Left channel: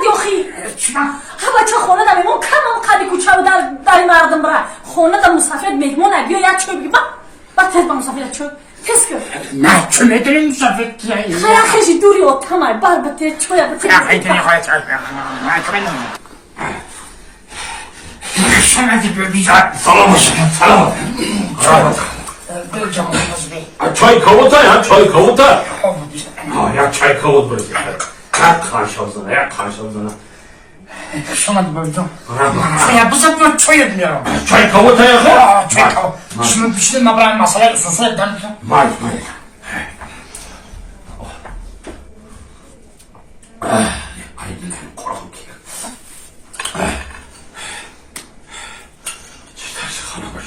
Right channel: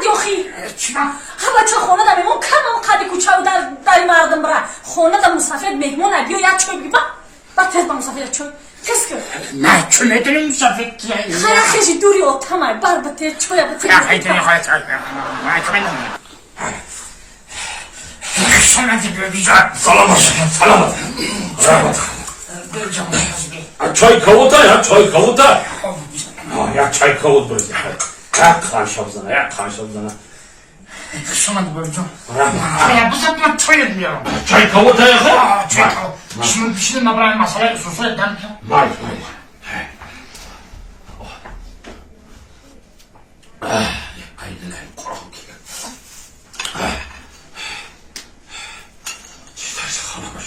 کردی آخی؟ چما؟ ها بچه خونه دا میمون کمم قدی کوچه و در مردم برا خونه دا مسافرت مهمون بیا یا چوی بگی با تز با مسافرت چوی تز کن نه چو میدونی مسافرت کیه خیلی خیلی دوری اتمای بر بطه چوی بطه شما دیگه بیجا سلام سلام چای kavurta ya çay kavurta. Ha ya çay kavur böyle. Ya karşımızda ya karşımızda. شما دیگه بیجا ya bu sefer çay etmiyorum Çay kavurta ya. çay kavur şimdi pişirin ben masaya sosu edeceğim Maalesef. Aynen korkum ki. İşte kanı baş.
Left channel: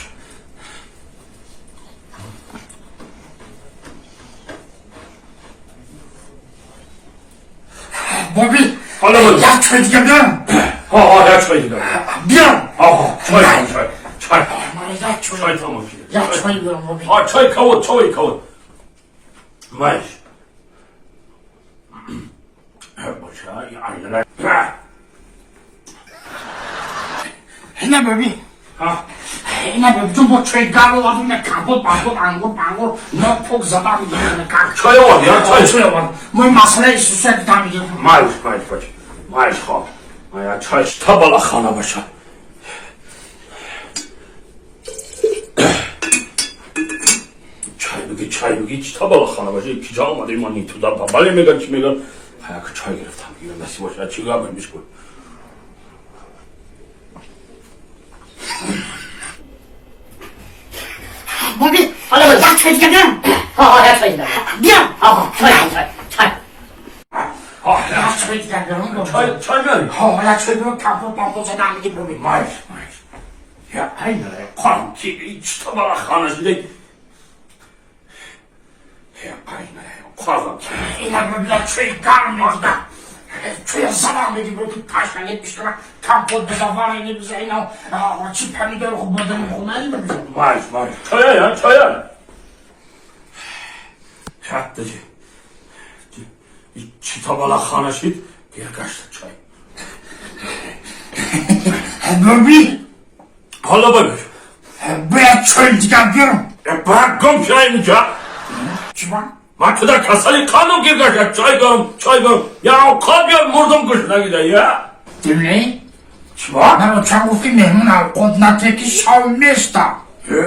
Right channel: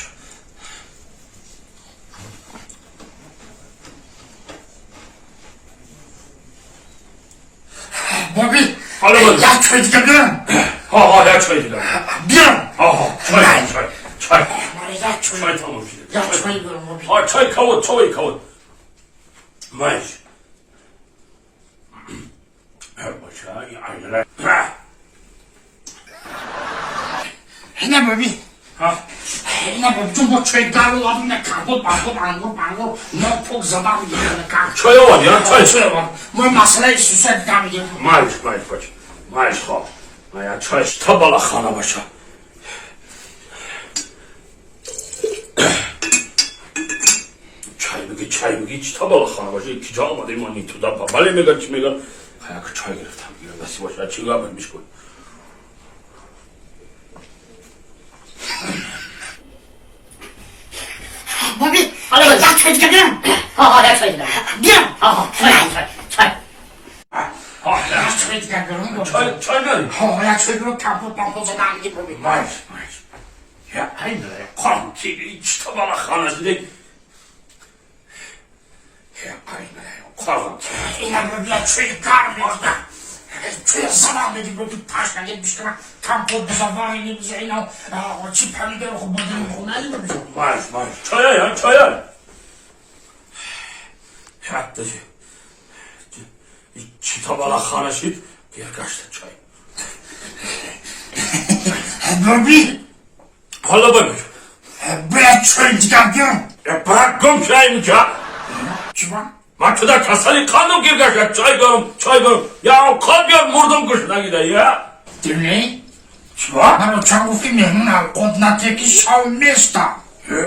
Bobby Alo. ya çay diyebilirim Ha ya çay diyebilirim. biliyorum Çay. ya çay Çay tamam şimdi. ya çay diyorum Bobby Ha çay kavur. Maalesef. Başa aynen. ne Bobby Ha. ne Bobby bu çay garı ne kabul bangur ne çok zaman gidiyor Çay var ya çay. çay var bu masaya sosu edeceğim Maalesef baş. Maalesef ha. Ya çay tabala xana başa. çay بگی tabala xana başa. İki almadı imanı tuda babale mega çimega. Hayaka çay گرفتم میگیرم دستی باشه چیکار برمیش کن Bobby ya çay diyebilirim ya çوی بگی biliyorum çay ya çay diyebilirim Bobby çay ne? ya çay diyorum kabul zaten gibi Bobby Maalesef. Ya aynen korkum ki hiç tabala xana dedi. Ya aynen korkum ki. yine böyle çay garmıyordu da çaya zarar verdi böyle taşla gitmiş ama kampol bize var yine bize yine o çipani de okumadığını okumaz mı bize? Maalesef. Çaya ya çaya. Hatta içi tabala xana şit bir kaçtı çay. Bobby Hala bakmış. böyle çay diyebilirim Bırak gom çayını ya. Çiman Maçıda kasali kanım girgaşa çay görüm. Ya kalbim murdum kışına gider ya. dinle Çiva? ben o çabuk memnun al koduna teki şavmesta He?